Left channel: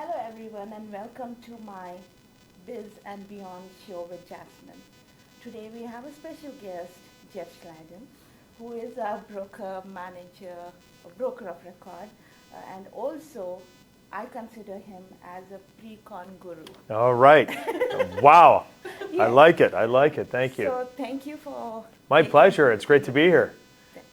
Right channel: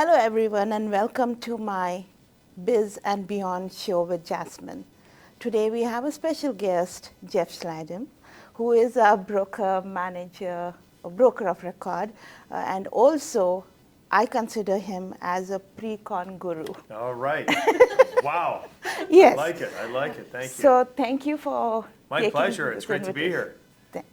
Hello, everyone, and welcome to my Biz and Beyond show with Jasmine. Today, we have a special guest, Jeff Slightham, who is a broker, manager, a broker of record, and also I consider him as a pre-con guru. All right. Wow. Yes. I like it. I like it. Thank you. So, thank you for My taking pleasure. this It's great to be here.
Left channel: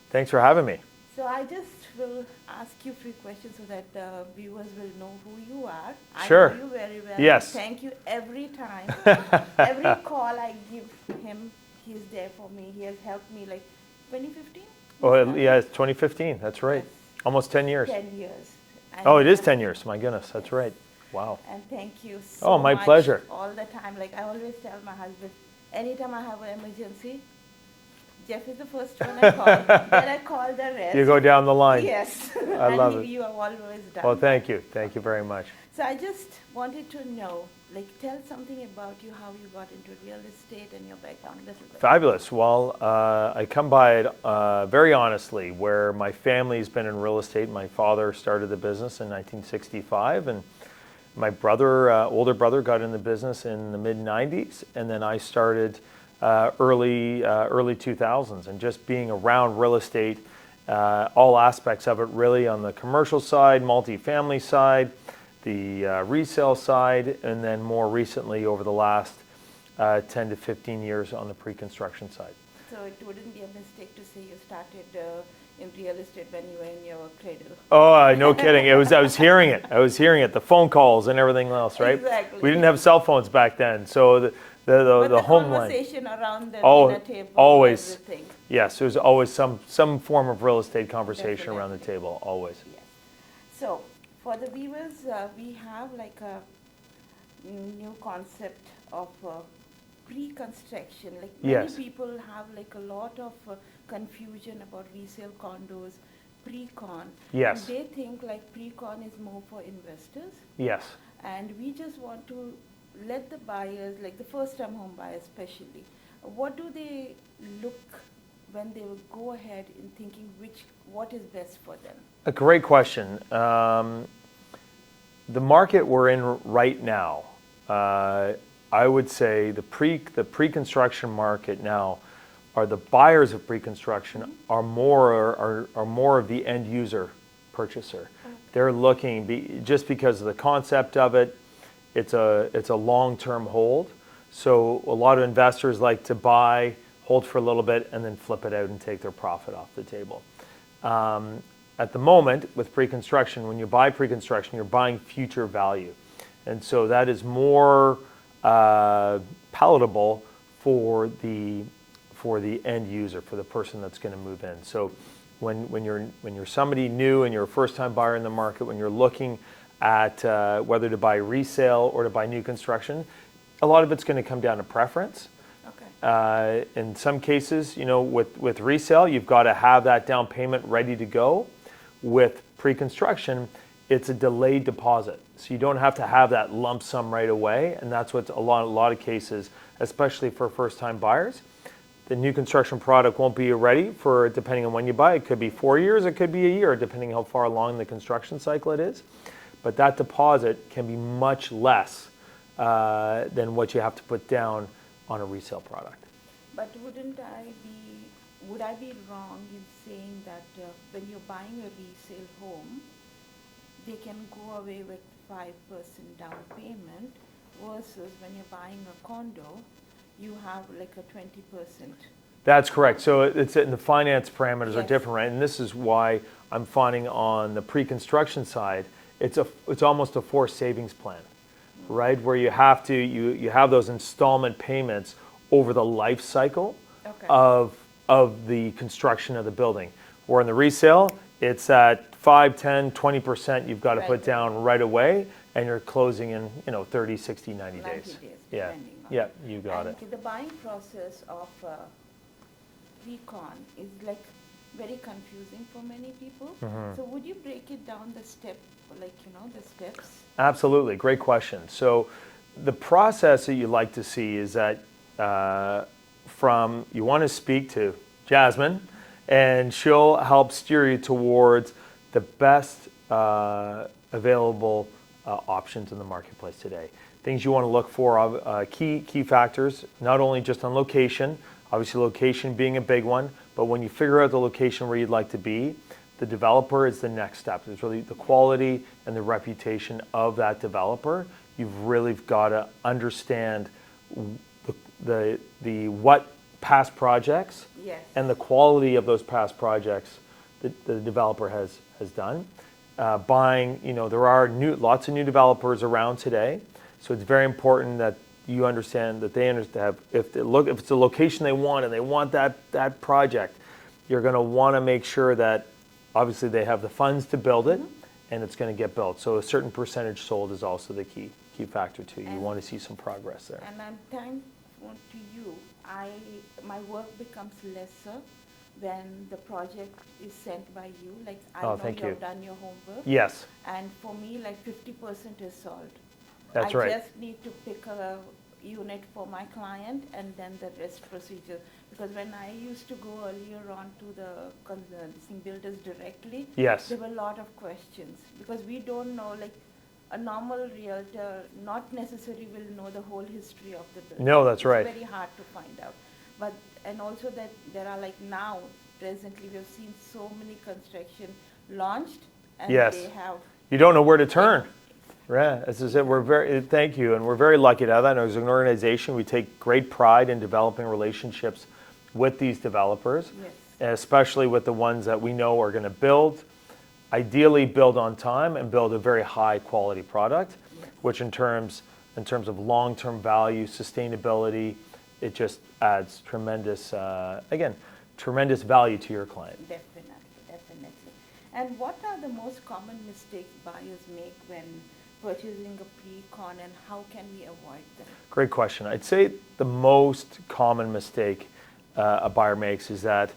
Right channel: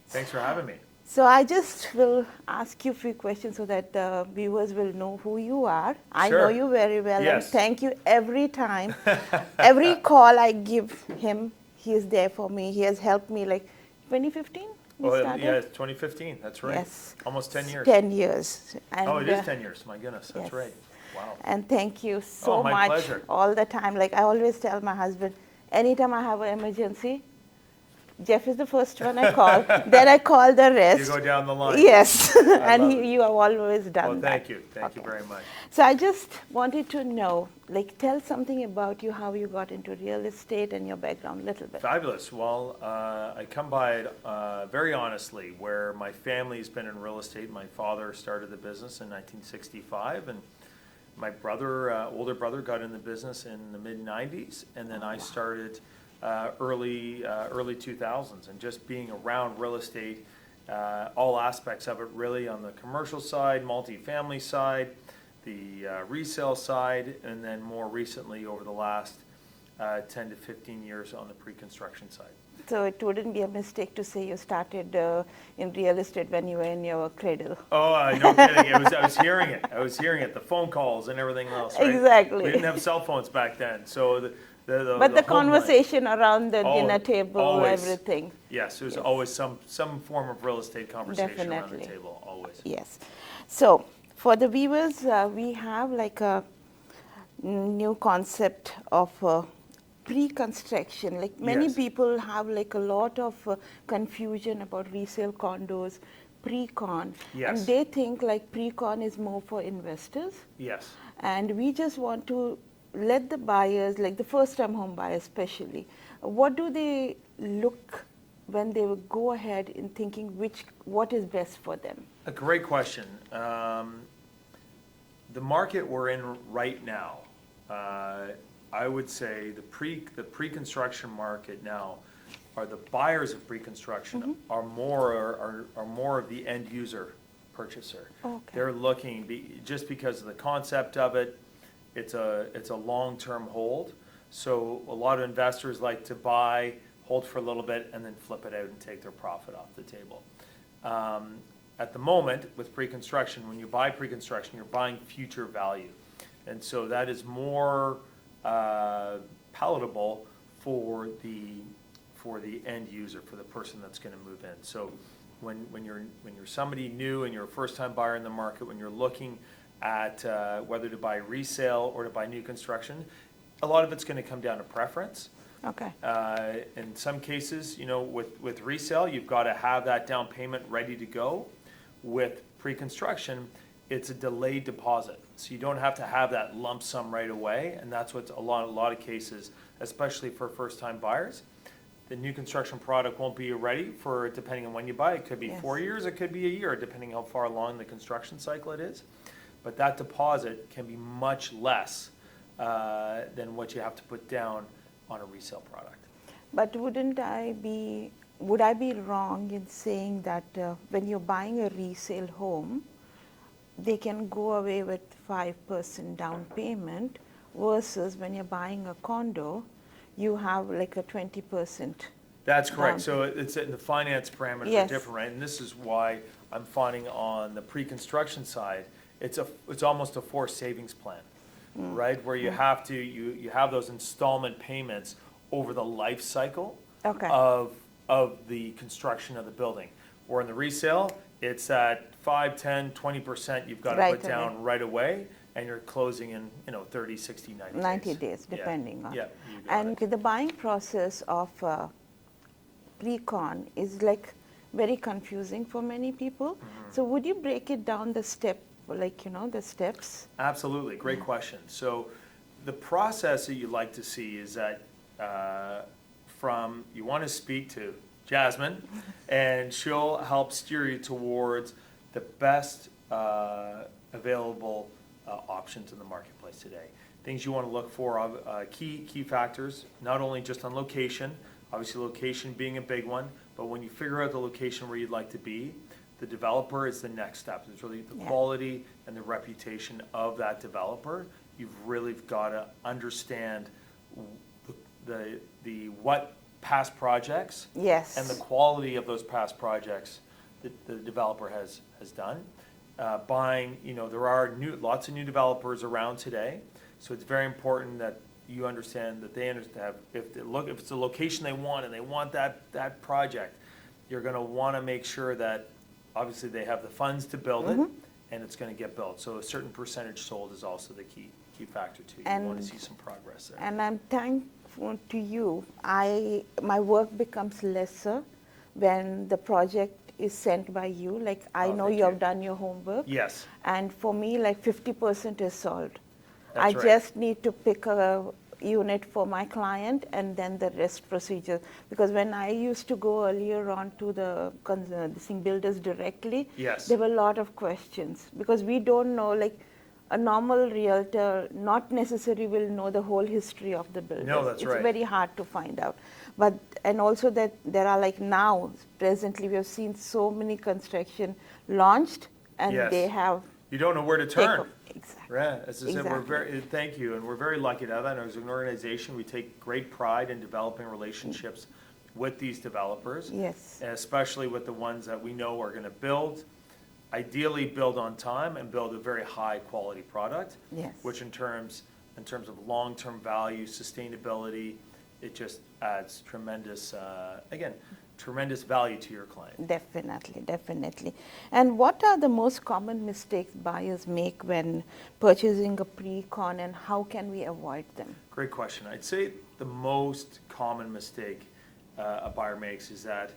Thanks for having me. So I just will ask you a few questions so that the viewers will know who you are. I Sure. know you very well. Yes. And thank you every time. Every call I give him, he is there for me. He has helped me like 2015? Yeah, it's 2015. That's right. Yes. Almost 10 years. 10 years. And, Oh, it is 10 years. My goodness. That's yes. right. Wow. And thank you so my much pleasure. all the time. Like I always tell my husband, anytime I have an emergency, Jeff is the first one I call. Then I call the rest. You go down the line. Yes. I love it. You have always done Well, that. thank you. Thank you very much. So I just wanted to know, like, tell something about you, how you got into real estate and your background a little bit. Fabulous. Well, I come by it very honestly, where my family's been in real estate. My father started the business in 1965, and my brother, older brother, got in the business in the mid-90s, and then I started early 2000s, and just being around real estate, all aspects of it, really, on the commercial side, multifamily side, the resale side, and then more recently over the last 10 to 15 years on the pre-construction side. So it wouldn't be a mistake to say you started in real estate when you were in your cradle. Oh, no kidding. I was hearing it. The phone calls and everything else, right? Exactly. We didn't have cell phones back then, so but the home line. conversation around the Oh, dinner table, always. everything. Yes, there's always some form of real estate conversation around the Definitely. table, always. Yes. So for the viewers, we have like a new concept of pre-construction. Like many Yes. people have like a lot of confusion about resale condos, pre-con. Yes. And they think like pre-con is more for investors. Yes. And we just want to let the buyers, like the first-time home buyers especially, what do they look when they will go ahead in thinking what is best for them? A great question. The market we're in right now, I would say the pre-construction market now, are the buyers of pre-construction are more of the end user purchaser. Okay. They're looking just because of the concept of it. It's a long-term hold. So a lot of investors like to buy, hold for a little bit, and then flip it out and take their profit off the table. At the moment, with pre-construction, when you buy pre-construction, you're buying future value. And so that is more palatable for the end user, for the person that's going to move in. So when you're somebody new and you're a first-time buyer in the market, when you're looking at whether to buy resale or to buy new construction, a lot of it's going to come down to preference. Okay. In some cases, with resale, you've got to have that down payment ready to go. With pre-construction, it's a delayed deposit. So you don't have to have that lump sum right away, and that's what a lot of cases, especially for first-time buyers. The new construction product won't be ready for, depending on when you buy. It could be 4 years, it could be a year, depending how far along the construction cycle it is. But that deposit can be much less than what you have to put down on a resale product. But would I be wrong in saying that when you're buying a resale home, they can go away with 5% down payment versus when you're buying a condo, you have like a 20%. That's correct. So it's in the finance parameters Yes. are different, right? And this is why I'm finding on the pre-construction side, it's almost a forced savings plan, right? Where you have to you have those installment payments over the life cycle Okay. of the construction of the building. Or in the resale, it's at 5, 10, 20% you've got to Right put down right away, and you're closing in 30, 60, 90 days. 90 days, Yeah. depending on. Yeah, you got And it. the buying process of pre-con is like very confusing for many people. So would you break it down the steps? Absolutely, great question. So the process that you like to see is that you want to speak to Jasmine, and she'll help steer you towards the best available options in the marketplace today. Things you want to look for, key factors, not only just on location, obviously location being a big one, but when you figure out the location where you'd like to be, the developer is the next step. It's really the quality and the reputation of that developer. You've really got to understand the what past projects and the quality of those past projects that the developer has done. Buying, there are lots of new developers around today, so it's very important that you understand that they understand if it's a location they want and they want that project, you're going to want to make sure that obviously they have the funds to build it and it's going to get built. So a certain percentage sold is also the key factor too. You want to see some progress there. And I'm thankful to you. My work becomes lesser when the project is sent by you. Like I know you have done your homework. Yes. And for me, like 50% is solved. That's right. I just need to pick a unit for my client and then the rest procedure. Because when I used to go earlier on to the builders directly, there were a lot of questions because we don't know, like a normal realtor not necessarily will know the whole history of the builder. No, that's right. It's very hard to find out. But, and also that there are like now, presently we have seen so many construction launched and they have... You don't know where to turn. Exactly. Yeah, as I said, thank you, and we're very lucky to have that. As an organization, we take great pride in developing relationships with these developers, and especially with the ones that we know are going to build, ideally build on time and build a very high quality product, which in terms of long-term value, sustainability, it just adds tremendous, tremendous value to your client. Definitely. And what are the most common mistakes buyers make when purchasing a pre-con and how can we avoid them? Great question. I'd say the most common mistake a buyer makes is that,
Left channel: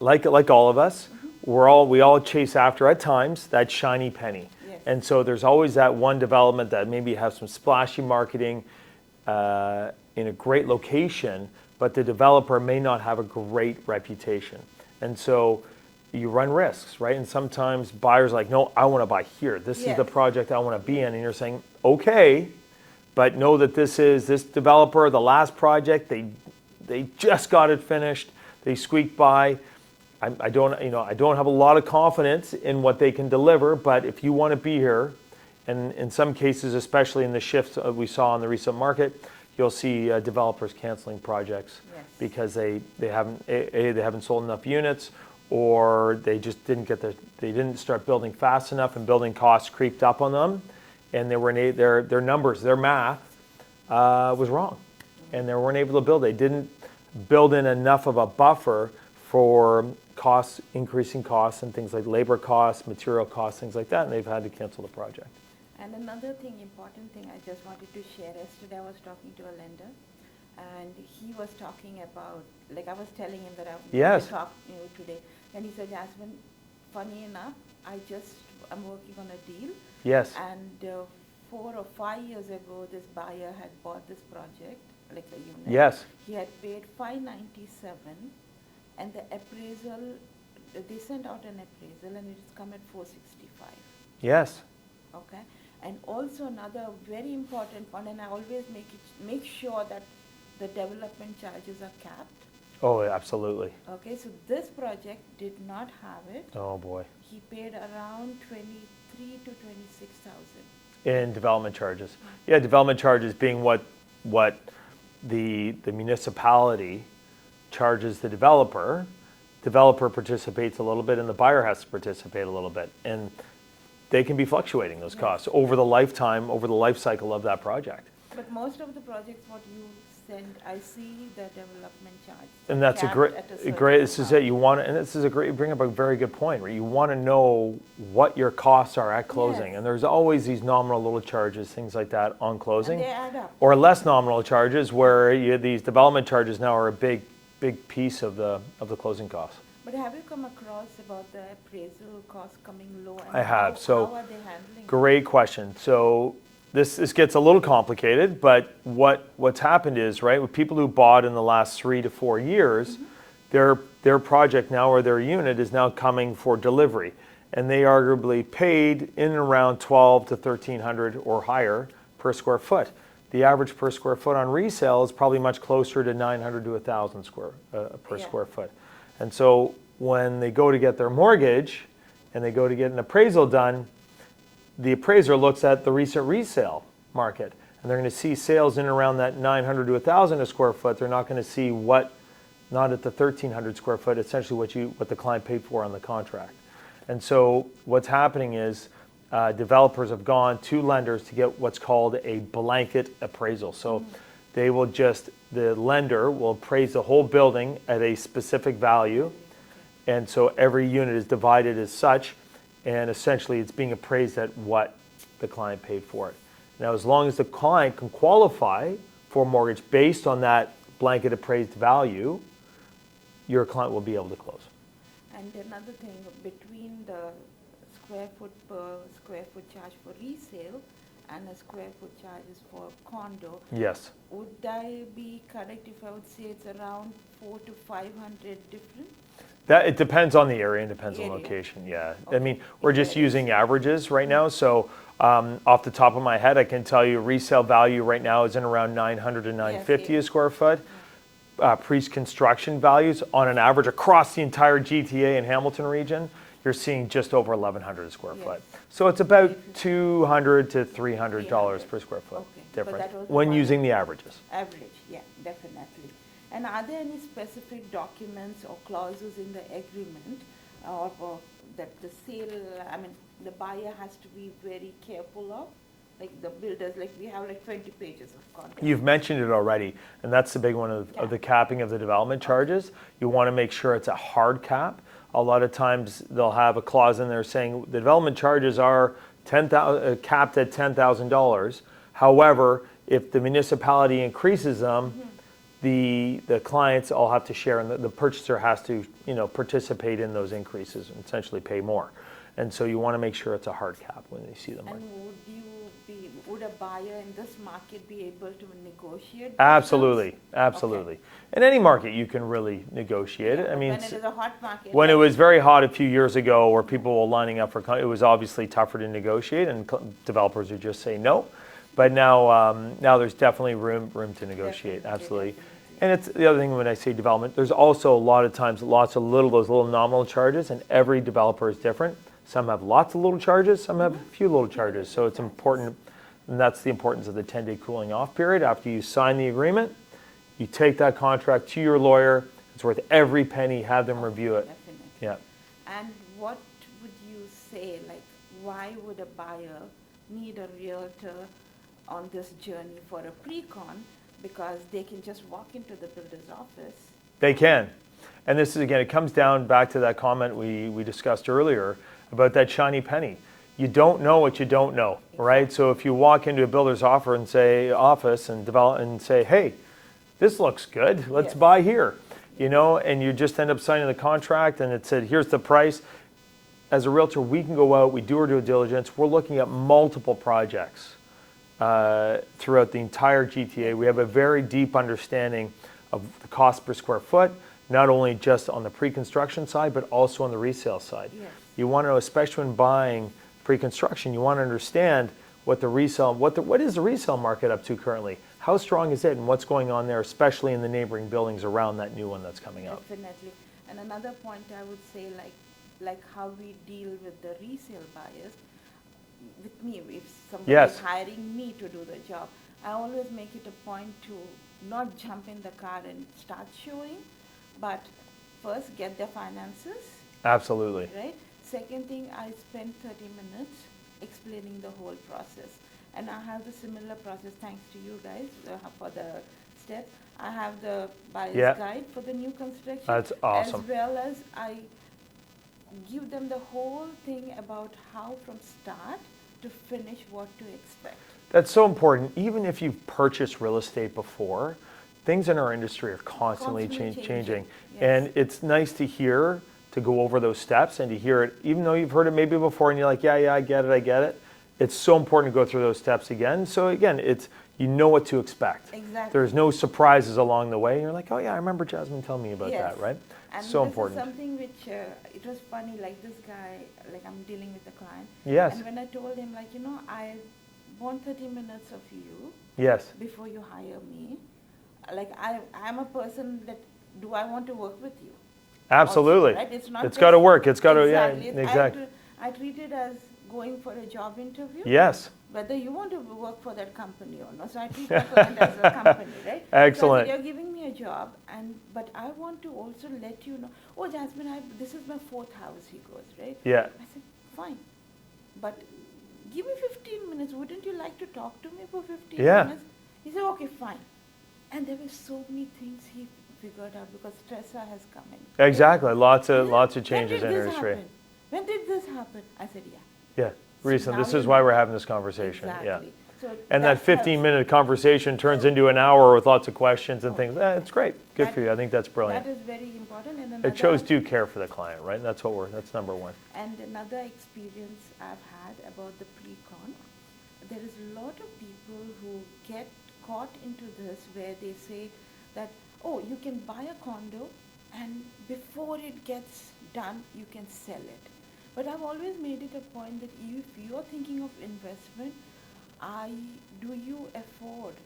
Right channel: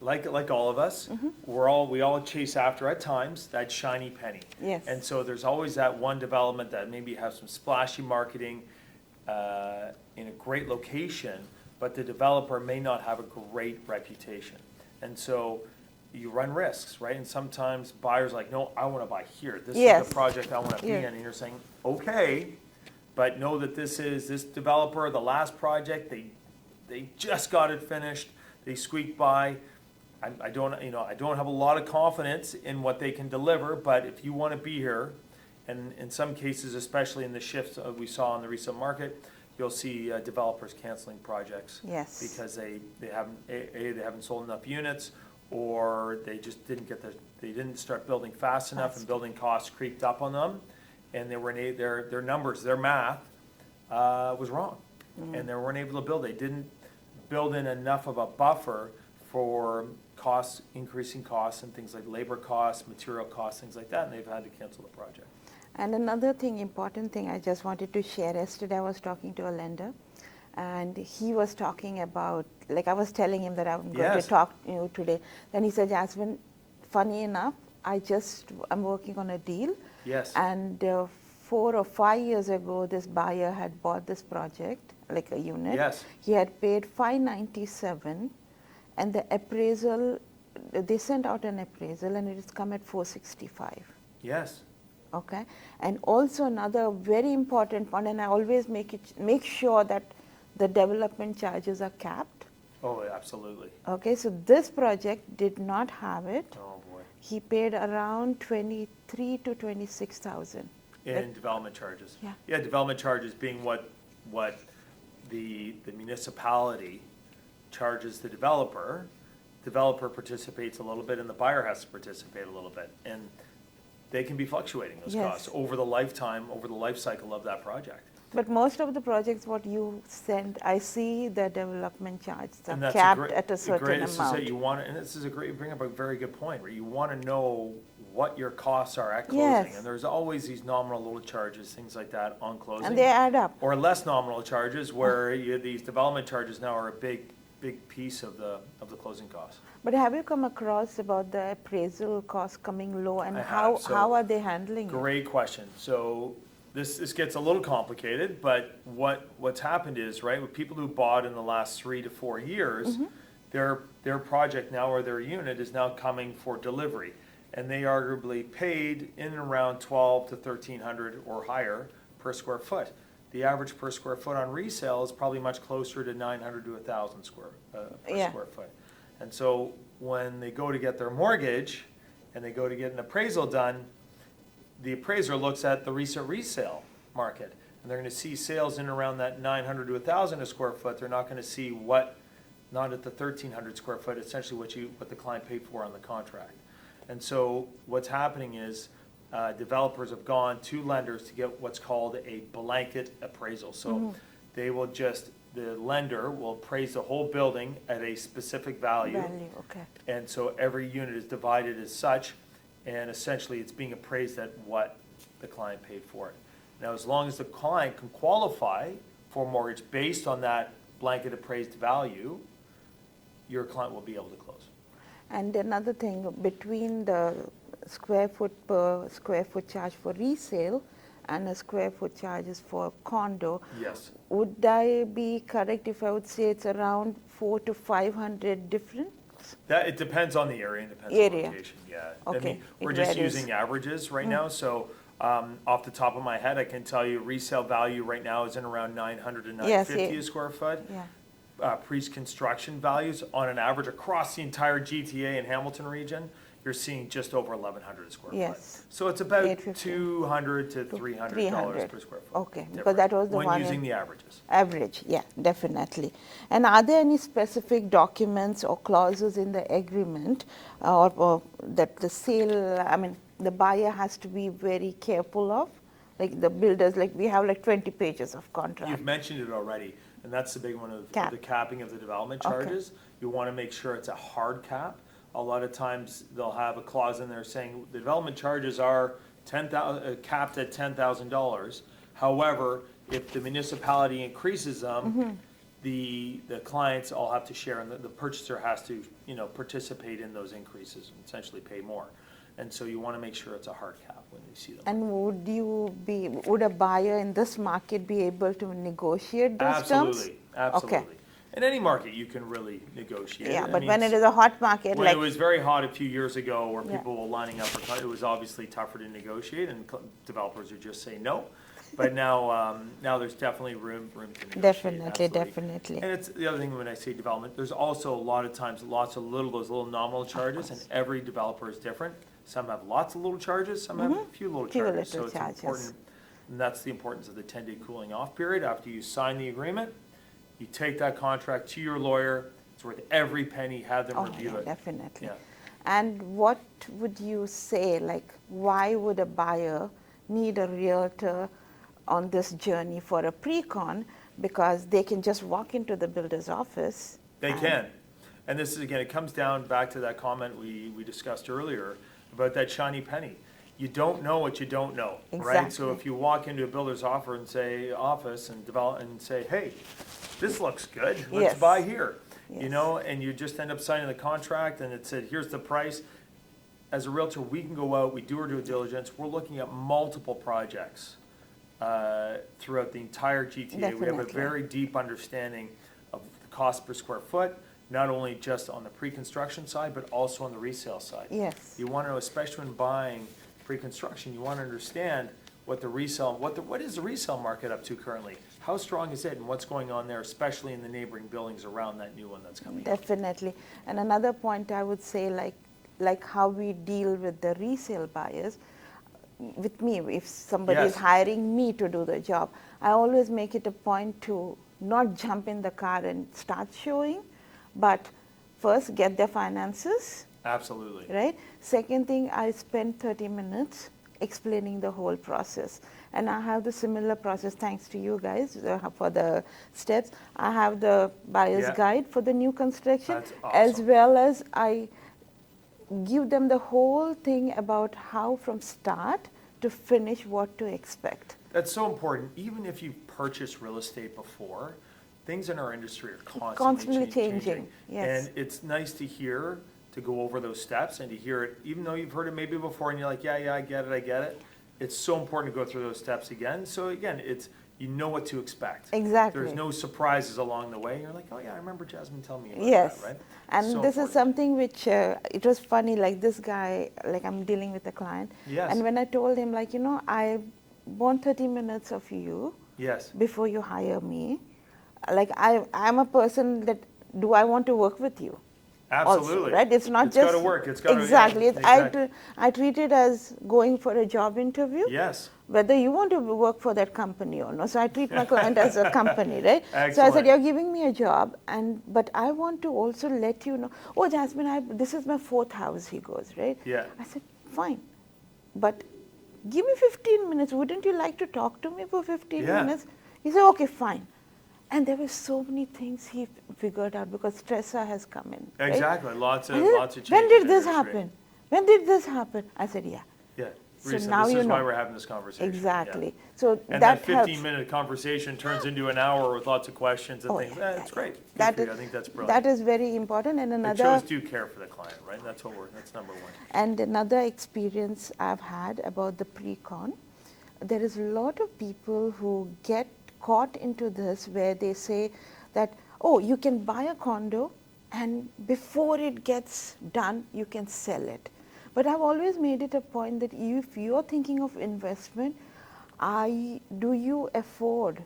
like all of us, we all chase after at times that shiny penny. And so there's always that one development that maybe has some splashy marketing in a great location, but the developer may not have a great reputation. And so you run risks, right? And sometimes buyers are like, no, I want to buy here. This is the project I want to be in. And you're saying, okay, but know that this developer, the last project, they just got it finished. They squeaked by. I don't have a lot of confidence in what they can deliver, but if you want to be here, and in some cases, especially in the shifts we saw in the recent market, you'll see developers canceling projects because they haven't sold enough units, or they just didn't start building fast enough, and building costs creeped up on them, and their numbers, their math was wrong, and they weren't able to build. They didn't build in enough of a buffer for increasing costs and things like labor costs, material costs, things like that, and they've had to cancel the project. And another important thing I just wanted to share. Yesterday I was talking to a lender, and he was talking about, like I was telling him that I'm going to talk to you today. And he said, Jasmine, funny enough, I'm working on a deal. And 4 or 5 years ago, this buyer had bought this project, like a unit. He had paid $597, and the appraisal, they sent out an appraisal, and it has come at $465. Okay. And also another very important point, and I always make sure that the development charges are capped. Oh, absolutely. Okay, so this project did not have it. Oh boy. He paid around $23,000 to $26,000 in development charges. Yeah, development charges being what the municipality charges the developer. Developer participates a little bit, and the buyer has to participate a little bit, and they can be fluctuating, those costs over the life cycle of that project. But most of the projects, what you send, I see the development charge. And that's capped at a certain amount. This is it. You want to, and this is you bring up a very good point, where you want to know what your costs are at closing. And there's always these nominal little charges, things like that on closing. And they add up. Or less nominal charges, where these development charges now are a big piece of the closing costs. But have you come across about the appraisal costs coming low, and how are they handling it? Great question. So this gets a little complicated, but what's happened is, right, with people who bought in the last 3 to 4 years, their project now, or their unit, is now coming for delivery. and they arguably paid in and around 12 to 1,300 or higher per square foot. The average per square foot on resale is probably much closer to 900 to 1,000 per square foot. And so when they go to get their mortgage and they go to get an appraisal done, the appraiser looks at the recent resale market, and they're going to see sales in around that 900 to 1,000 a square foot. They're not going to see not at the 1,300 square foot, essentially what the client paid for on the contract. And so what's happening is developers have gone to lenders to get what's called a blanket appraisal. So they will the lender will appraise the whole building at a specific value. And so every unit is divided as such, and essentially it's being appraised at what the client paid for it. Now, as long as the client can qualify for a mortgage based on that blanket appraised value, your client will be able to close. And another thing, between the square foot per square foot charge for resale and a square foot charges for condo, yes, would I be correct if I would say it's around 400 to 500 different? That it depends on the area and depends on location. Yeah, okay. I mean we're just using averages right now. So off the top of my head, I can tell you resale value right now is in around 900 to 950 a square foot. Pre-construction values on an average across the entire GTA and Hamilton region, you're seeing just over 1,100 a square foot. So it's about $200 to $300 per square foot. Okay, but that was when using the averages. Average, yeah, definitely. And are there any specific documents or clauses in the agreement or that the buyer has to be very careful of? Like the builders, like we have like 20 pages of contract. You've mentioned it already, and that's the big one of the capping of the development charges. You want to make sure it's a hard cap. A lot of times they'll have a clause in there saying the development charges are capped at $10,000. However, if the municipality increases them, the clients all have to share, and the purchaser has to participate in those increases and essentially pay more. And so you want to make sure it's a hard cap when you see them. And would a buyer in this market be able to negotiate those Absolutely, terms? absolutely. In any market, you can really negotiate. Yeah, but when it is a hot market. When it was very hot a few years ago, where people were lining up for, it was obviously tougher to negotiate, and developers would just say no. But now there's definitely room to negotiate. Absolutely. And it's the other thing when I say development, there's also a lot of times those little nominal charges, and every developer is different. Some have lots of little charges, some have a few little charges. So it's important, and that's the importance of the 10-day cooling off period. After you sign the agreement, you take that contract to your lawyer. It's worth every penny. Have them review it. Definitely. Yeah. And what would you say, like, why would a buyer need a realtor on this journey for a pre-con? Because they can just walk into the builder's office. They can. And this is, again, it comes down back to that comment we discussed earlier about that shiny penny. You don't know what you don't know, right? So if you walk into a builder's office and say, hey, this looks good, let's buy here, and you just end up signing the contract and it said, here's the price. As a realtor, we can go out, we do our due diligence, we're looking at multiple projects throughout the entire GTA. Definitely. We have a very deep understanding of the cost per square foot, not only just on the pre-construction side, but also on the resale side. Yes. You want to know, especially when buying pre-construction, you want to understand what is the resale market up to currently? How strong is it, and what's going on there, especially in the neighboring buildings around that new one that's coming up? Definitely. And another point I would say, like how we deal with the resale buyers, with me, if somebody is hiring me to do the job, I always make it a point to not jump in the car and start showing, but first get their finances. Absolutely. Right? Second thing, I spend 30 minutes explaining the whole process. And I have the similar process, thanks to you guys, for the steps. I have the buyer's guide for the new construction. That's awesome. As well as I give them the whole thing about how from start to finish what to expect. That's so important. Even if you've purchased real estate before, things in our industry are constantly changing. Yes. And it's nice to hear, to go over those steps and to hear it, even though you've heard it maybe before and you're like, yeah, I get it. It's so important to go through those steps again. So again, you know what to expect. Exactly. There's no surprises along the way. You're like, oh yeah, I remember Jasmine telling me about that, right? And So this is important. something which, it was funny, like this guy, like I'm dealing with a client. Yes. And when I told him, like, I want 30 minutes of you Yes. before you hire me. Like, I'm a person that, do I want to work with you? Absolutely. Also, right? It's not It's just. got to work. It's got to. Exactly. Yeah, exactly. I treat it as going for a job interview. Yes. Whether you want to work for that company or not. So I treat my client as a company, right? So I Excellent. said, you're giving me a job, but I want to also let you know, oh, Jasmine, this is my 4th house, he goes, right? Yeah. I said, fine, but give me 15 minutes. Wouldn't you like to talk to me for 15 Yeah. minutes? He said, okay, fine. And there were so many things he figured out because stressor has come in. Right? Exactly. Lots of changes When did in this industry. happen? When did this happen? I said, yeah. Yeah. So Recently. now This you is why know. we're having this conversation. Exactly. Yeah. So And that helps. 15-minute conversation turns into an hour with lots of questions and Oh, things. yeah, It's great. Good that for you. I is- think that's brilliant. That is very important. And It shows due care for the client, right? And that's number one. And another experience I've had about the pre-con, there is a lot of people who get caught into this where they say that, oh, you can buy a condo and before it gets done, you can sell it. But I've always made it a point that if you're thinking of investment, do you afford?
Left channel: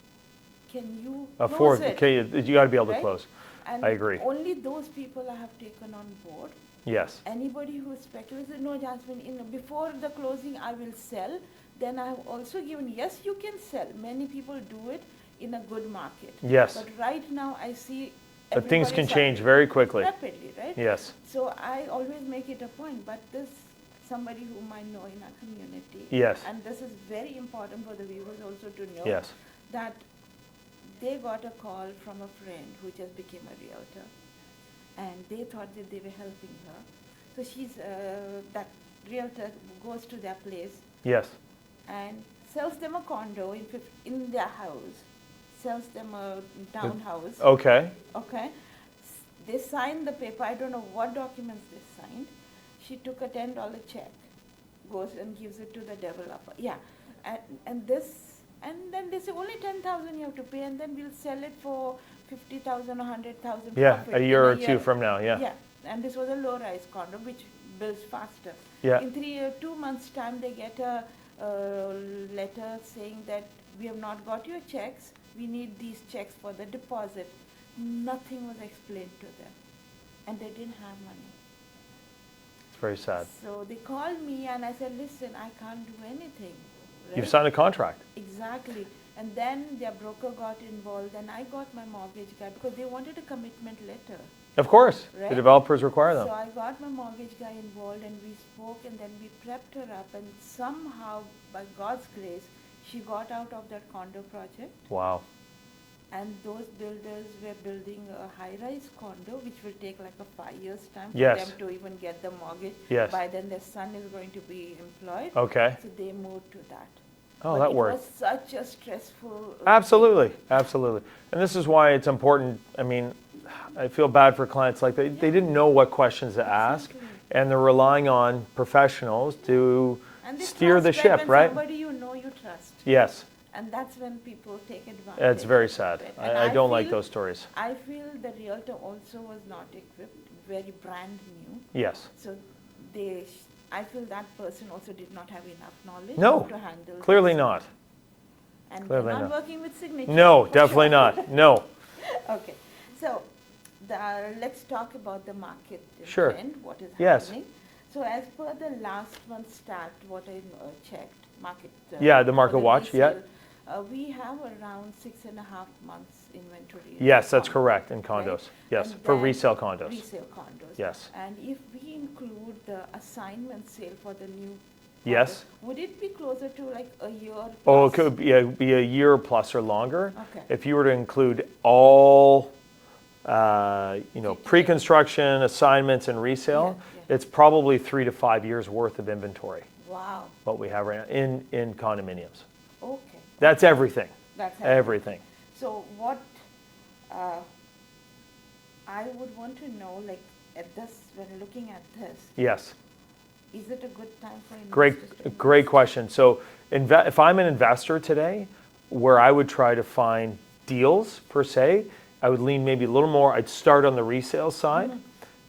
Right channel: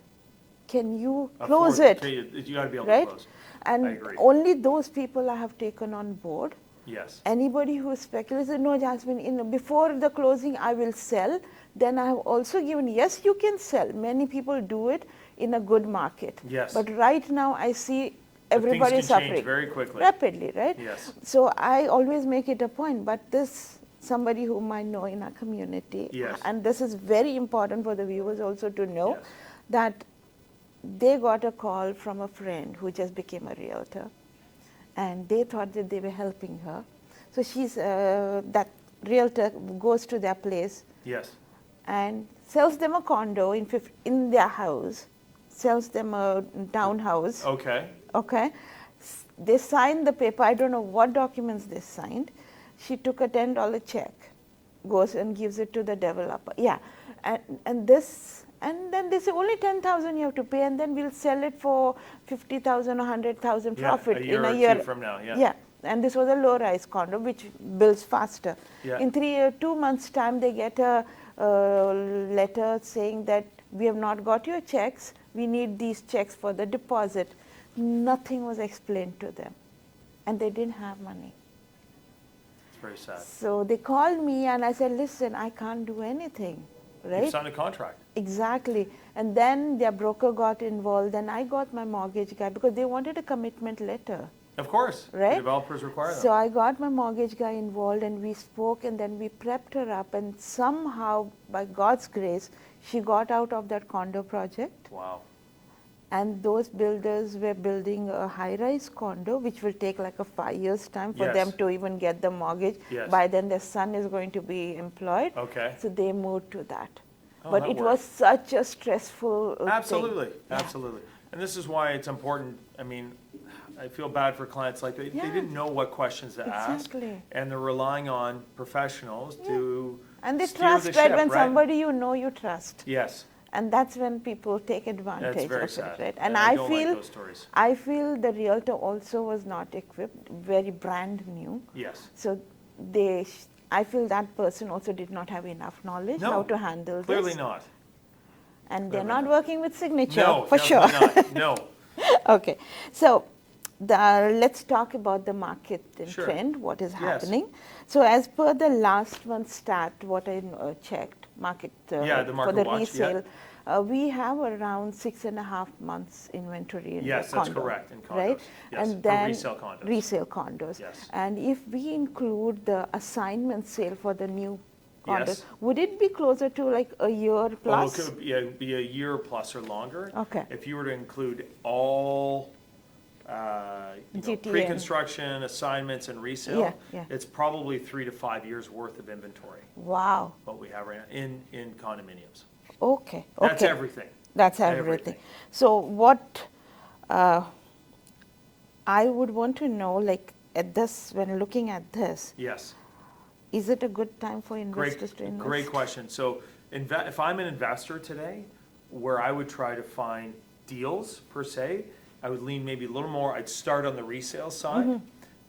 Can you close it? Okay, you got to be able to right? close. And I agree. only those people I have taken on board. Yes. Anybody who speculates, no, Jasmine, before the closing, I will sell. Then I have also given, yes, you can sell. Many people do it in a good market. Yes. But right now, I see But everybody things can change suffering very quickly. rapidly, right? Yes. So I always make it a point. But somebody whom I know in our community, Yes. and this is very important for the viewers also to know, Yes. that they got a call from a friend who just became a realtor, and they thought that they were helping her. So that realtor goes to their place Yes. and sells them a condo in their house, sells them a townhouse. Okay. Okay. They signed the paper. I don't know what documents they signed. She took a $10 check, goes and gives it to the developer. Yeah. And then they say only 10,000 you have to pay, and then we'll sell it for 50,000 or 100,000 Yeah, profit a year in or two from now. Yeah. Yeah. And this was a low-rise condo which builds faster. Yeah. In 2 months' time, they get a letter saying that we have not got your checks. We need these checks for the deposit. Nothing was explained to them, and they didn't have money. It's very sad. So they called me, and I said, listen, I can't do anything. Right? You've signed a contract. Exactly. And then their broker got involved, and I got my mortgage guy because they wanted a commitment letter. Of course. Right? The developers require them. So I got my mortgage guy involved, and we spoke, and then we prepped her up, and somehow, by God's grace, she got out of that condo project. Wow. And those builders were building a high-rise condo, which will take like a 5 years' time for Yes. them to even get the mortgage. Yes. By then, their son is going to be employed. Okay. So they moved to that. Oh, But that it worked. was such a stressful thing. Absolutely. Absolutely. And this is why it's important. I mean, I feel bad for clients like that. They didn't know what questions to ask, Exactly. and they're relying on professionals to And they steer trust the that ship, when right? somebody you know, you trust. Yes. And that's when people take advantage. It's very of it, sad. right? I don't like feel- those stories. I feel the realtor also was not equipped, very brand new. Yes. So I feel that person also did not have enough knowledge No. how to handle Clearly this. not. And Clearly they're not not. working with Signature. No, for definitely sure. not. No. Okay. So let's talk about the market Sure. trend, what is Yes. happening. So as per the last month's stat, what I checked, market Yeah, the market for the watch, yeah. resale, we have around 6.5 months inventory in Yes, that's condo, correct, in condos. right? Yes, And for then resale condos. Resale condos. Yes. And if we include the assignment sale for the new Yes. condos, would it be closer to like a year Oh, plus? it could be a year plus or longer. Okay. If you were to include all, GTA. pre-construction, assignments, and resale, Yeah, yeah. it's probably 3 to 5 years worth of inventory. Wow. What we have right now in condominiums. Okay. That's okay. everything. That's everything. Everything. So what I would want to know, like at this, when looking at this, Yes. is it a good time for investors to invest? Great question. So if I'm an investor today, where I would try to find deals per se, I would lean maybe a little more. I'd start on the resale side,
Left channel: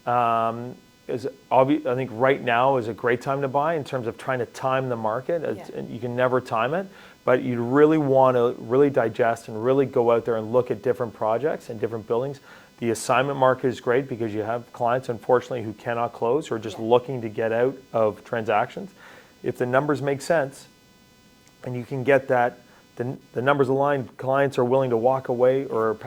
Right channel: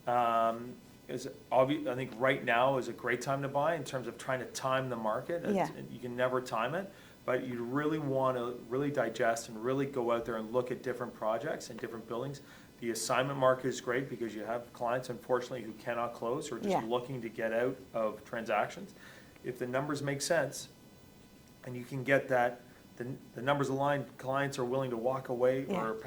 I think right now is a great time to buy in terms of trying to time the market. Yeah. You can never time it, but you really want to really digest and really go out there and look at different projects and different buildings. The assignment market is great because you have clients, unfortunately, who cannot close or are just looking to get out of transactions. If the numbers make sense and you can get that, the numbers aligned, clients are willing to walk away or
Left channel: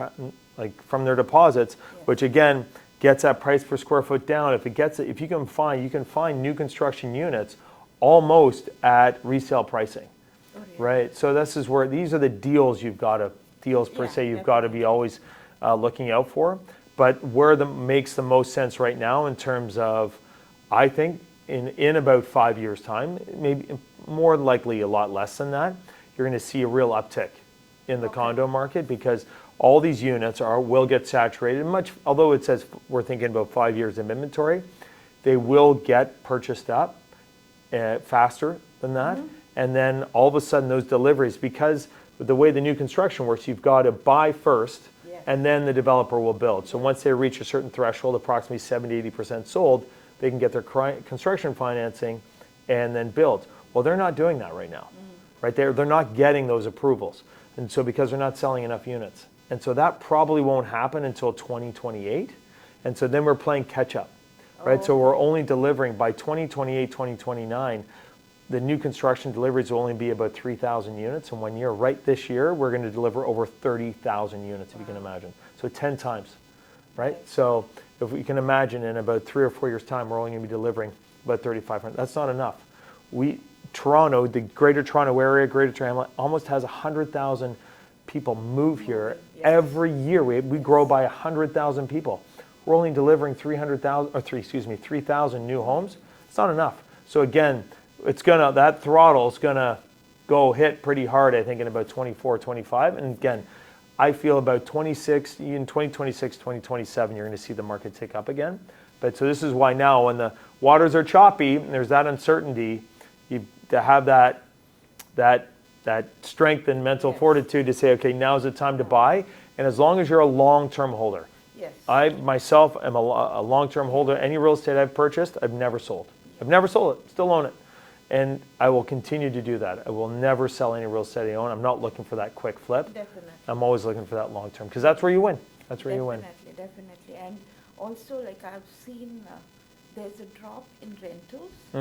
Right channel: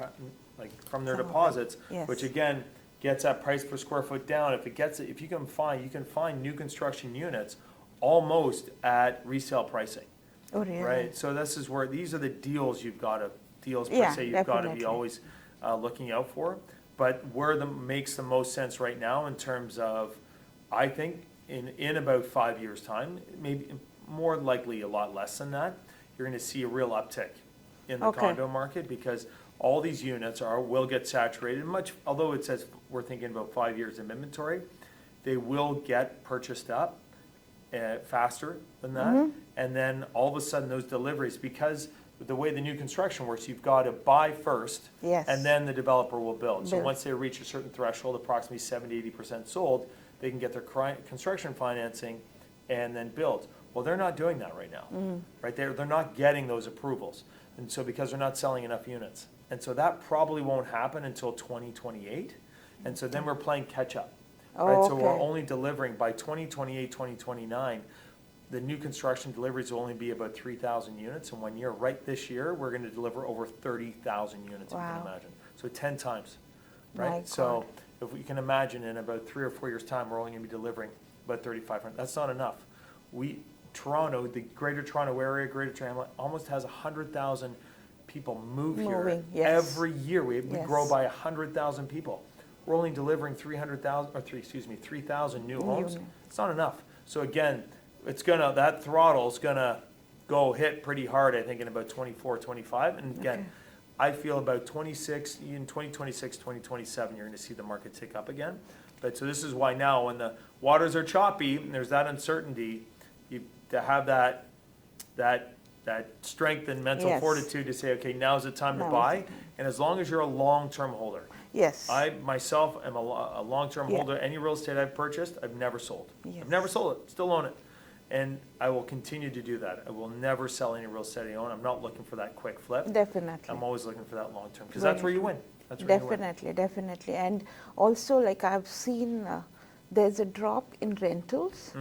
like from their deposits, which again gets that price per square foot down. If you can find new construction units almost at resale pricing. Oh, really? Right. So these are the deals you've got to be always looking out for. But where makes the most sense right now in terms of, I think in about 5 years' time, maybe more likely a lot less than that, you're going to see a real uptick in the condo market because all these units will get saturated. Although it says we're thinking about 5 years of inventory, they will get purchased up faster than that. And then all of a sudden those deliveries, because the way the new construction works, you've got to buy first and then the developer will build. So once they reach a certain threshold, approximately 70-80% sold, they can get their construction financing and then build. Well, they're not doing that right now, right? They're not getting those approvals. And so because they're not selling enough units. And so that probably won't happen until 2028. And so then we're playing catch up, right? So we're only delivering by 2028, 2029, the new construction deliveries will only be about 3,000 units in 1 year. Right this year, we're going to deliver over 30,000 units, if you can imagine. So 10 times, right? So if we can imagine in about 3 or 4 years' time, we're only going to be delivering about 3,500. That's not enough. Toronto, the Greater Toronto Area, Greater Toronto, almost has 100,000 people move here every year. We grow by 100,000 people. We're only delivering 3,000 new homes. It's not enough. So again, that throttle is gonna go hit pretty hard, I think, in about 24, 25. And again, I feel about 26, in 2026, 2027, you're gonna see the market tick up again. But so this is why now, when the waters are choppy and there's that uncertainty, to have that strength and mental fortitude to say, okay, now's the time to buy. And as long as you're a long-term holder. Yes. I myself am a long-term holder. Any real estate I've purchased, I've never sold. I've never sold it, still own it. And I will continue to do that. I will never sell any real estate I own. I'm not looking for that quick flip. Definitely. I'm always looking for that long-term because that's where you win. That's where you win. Definitely. And also, like I've seen, there's a drop in rentals.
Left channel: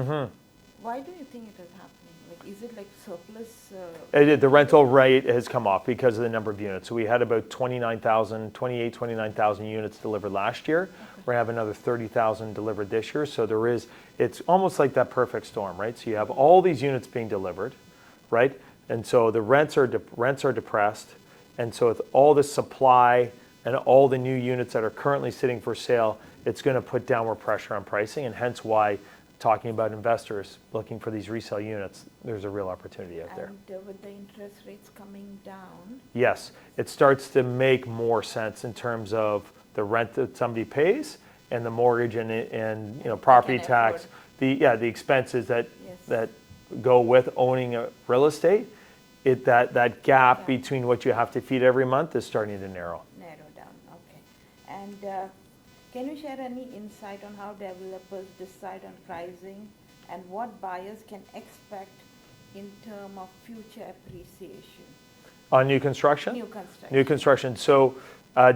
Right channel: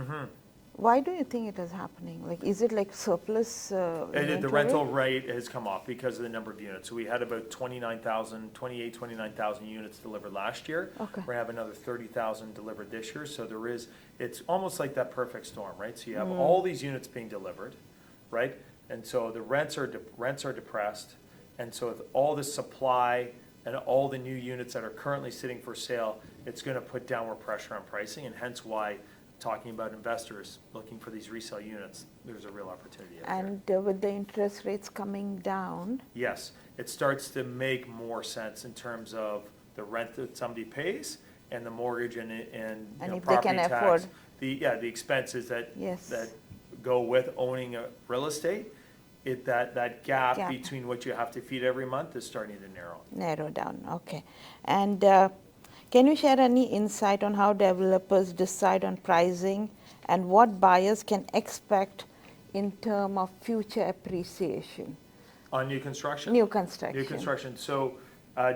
Why do you think it is happening? Like, is it like surplus? The rental rate has come off because of the number of units. So we had about 29,000 units delivered last year. We're going to have another 30,000 delivered this year. So it's almost like that perfect storm, right? So you have all these units being delivered, right? And so the rents are depressed. And so with all the supply and all the new units that are currently sitting for sale, it's going to put downward pressure on pricing, and hence why, talking about investors looking for these resale units, there's a real opportunity out there. And with the interest rates coming down? Yes, it starts to make more sense in terms of the rent that somebody pays and the mortgage and property tax, the expenses that go with owning a real estate. That gap between what you have to feed every month is starting to narrow down. Okay. And can you share any insight on how developers decide on pricing and what buyers can expect in terms of future appreciation? On new construction? New construction. So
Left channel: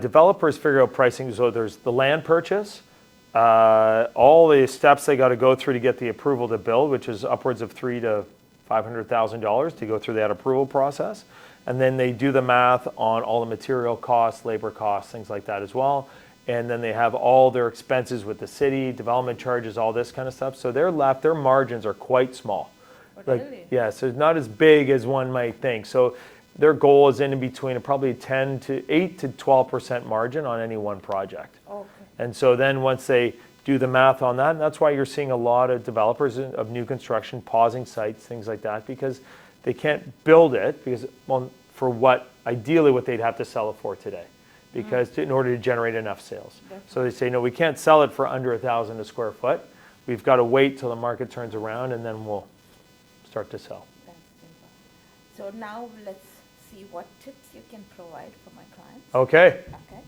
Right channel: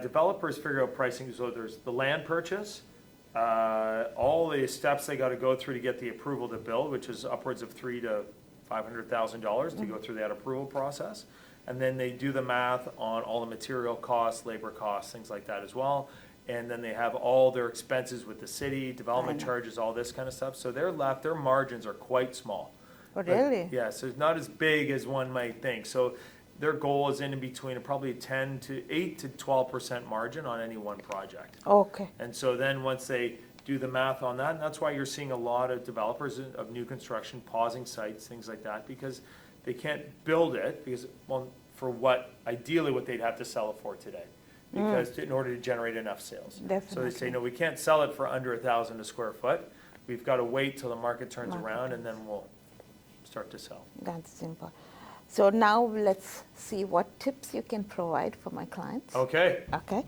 developers figure out pricing. So there's the land purchase, all the steps they got to go through to get the approval to build, which is upwards of $300,000 to $500,000 to go through that approval process. And then they do the math on all the material costs, labor costs, things like that as well. And then they have all their expenses with the city, development charges, all this kind of stuff. So their margins are quite small. Oh, really? So it's not as big as one might think. So their goal is in between probably 8 to 12% margin on any one project. Okay. And so then once they do the math on that, and that's why you're seeing a lot of developers of new construction pausing sites, things like that, because they can't build it ideally what they'd have to sell it for today. Because in order to generate enough sales. Definitely. So they say, no, we can't sell it for under $1,000 a square foot. We've got to wait till the market turns around and then we'll start to sell. That's simple. So now let's see what tips you can provide for my clients. Okay. Okay.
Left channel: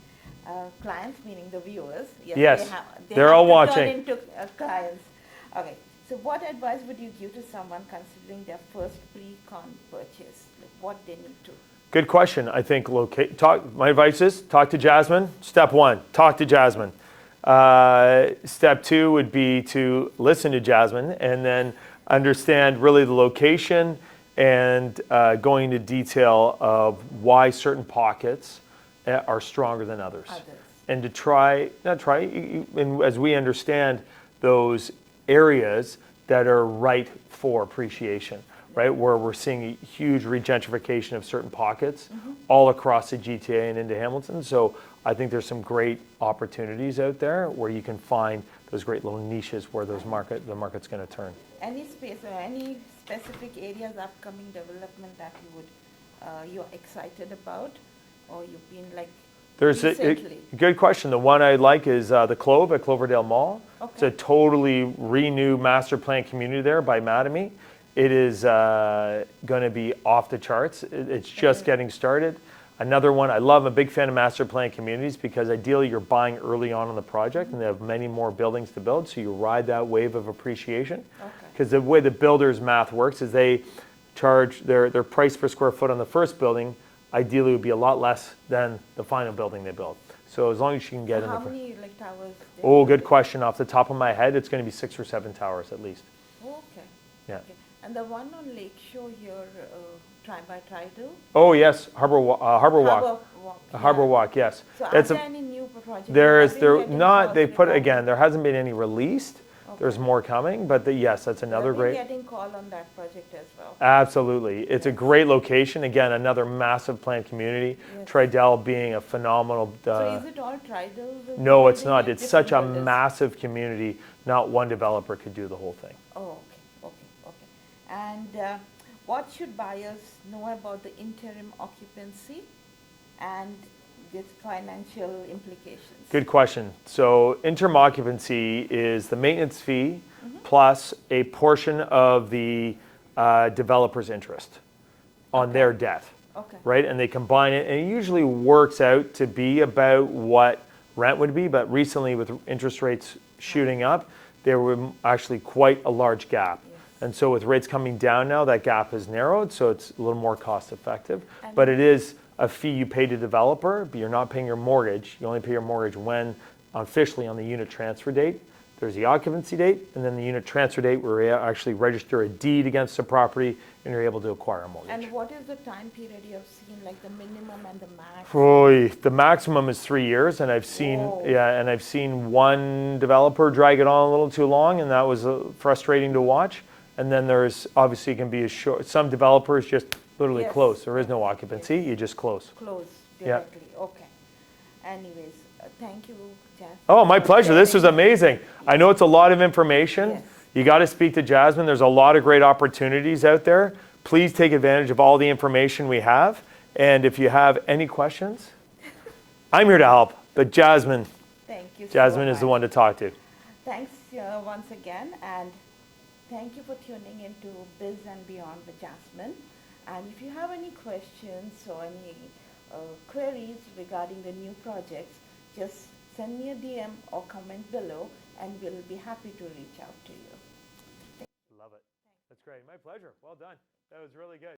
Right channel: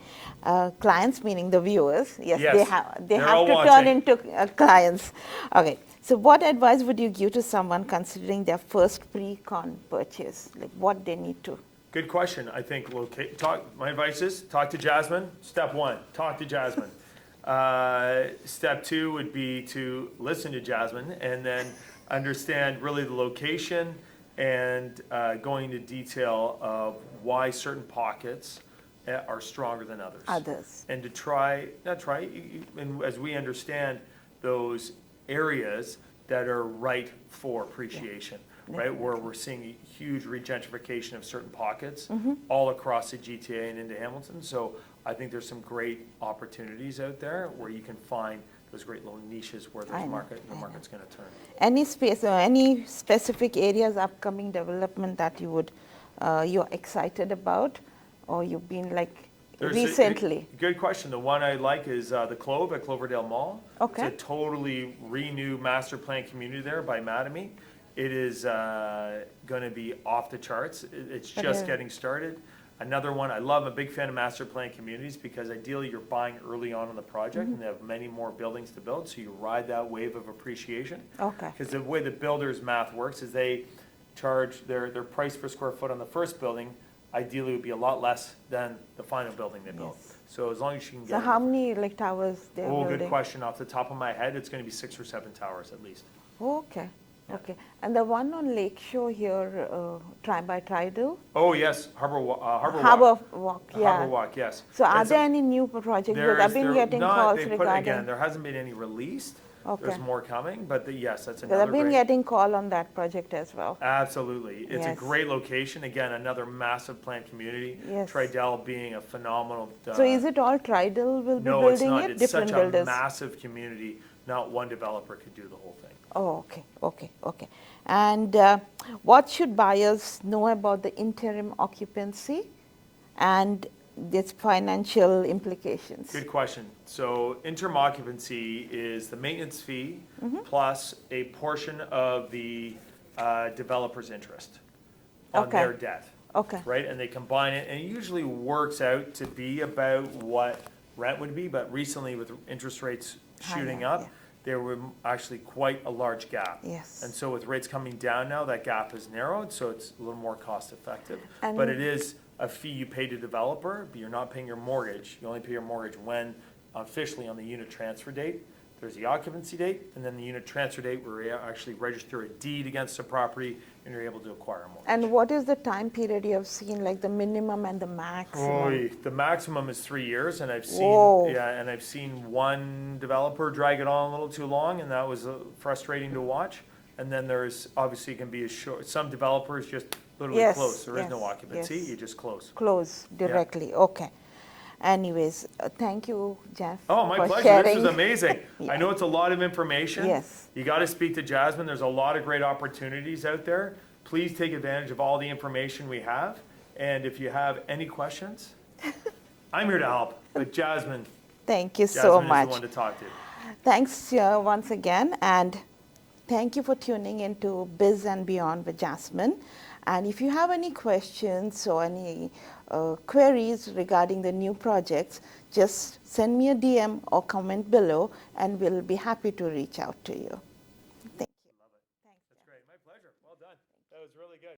Clients meaning the viewers. Yes, Yes, they they're have all to turn watching. into clients. Okay. So what advice would you give to someone considering their first pre-con purchase? Like what they need to? Good question. I think my advice is talk to Jasmine. Step one, talk to Jasmine. Step two would be to listen to Jasmine and then understand really the location and going into detail of why certain pockets are stronger than others. And to and as we understand those areas that are right for appreciation, right? Where we're seeing a huge regentrification of certain pockets all across the GTA and into Hamilton. So I think there's some great opportunities out there where you can find those great little niches where the market's going to turn. Any space or any specific areas, upcoming development that you would, you're excited about, or you've been like recently? Good question. The one I like is the Clove at Cloverdale Mall. Okay. It's a totally renewed master plan community there by Mattamy. It is going to be off the charts. It's just getting started. Another one, I'm a big fan of master plan communities because ideally you're buying early on in the project and they have many more buildings to build, so you ride that wave of appreciation. Okay. Because the way the builder's math works is they charge their price per square foot on the first building, ideally would be a lot less than the final building they build. So as long as you can get So how many like towers? Good question. Off the top of my head, it's going to be 6 or 7 towers at least. Okay. Yeah. Okay. And the one on Lakeshore here, by Tridal? Oh yes, Harbor Walk. Harbor Walk. Yeah. Harbor Walk, yes. So are there any new projects? There hasn't been any released. Okay. There's more coming, but yes, that's another great. I've been getting call on that project as well. Absolutely, it's a great location. Again, another massive planned community. Yes. Tridal being a phenomenal. So is it all Tridal? No, it's not. It's such a massive community. Not one developer could do the whole thing. Oh, okay. And what should buyers know about the interim occupancy and its financial implications? Good question. So interim occupancy is the maintenance fee plus a portion of the developer's interest on their debt. Okay. Right? And they combine it, and it usually works out to be about what rent would be, but recently with interest rates shooting up, there were actually quite a large gap. Yes. And so with rates coming down now, that gap has narrowed, so it's a little more cost effective. But it is a fee you pay to developer, but you're not paying your mortgage. You only pay your mortgage when officially on the unit transfer date. There's the occupancy date, and then the unit transfer date where you actually register a deed against the property and you're able to acquire a mortgage. And what is the time period you have seen, like the minimum and the max? The maximum is 3 years, and I've seen one developer drag it on a little too long, and that was frustrating to watch. And then there's obviously can be some developers just literally close. There is no occupancy. You just close. Close directly. Okay. Anyways, thank you, Jeff. Oh, my pleasure. This was amazing. I know it's a lot of information. Yes. You got to speak to Jasmine. There's a lot of great opportunities out there. Please take advantage of all the information we have. And if you have any questions, I'm here to help. But Jasmine, thank you so much. Jasmine is the one to talk to. Thanks once again, and thank you for tuning into Biz and Beyond with Jasmine. And if you have any questions or any queries regarding the new projects, just send me a DM or comment below, and we'll be happy to reach out to you. Thank you. Love it. That's great. My pleasure. Well done. That was really good.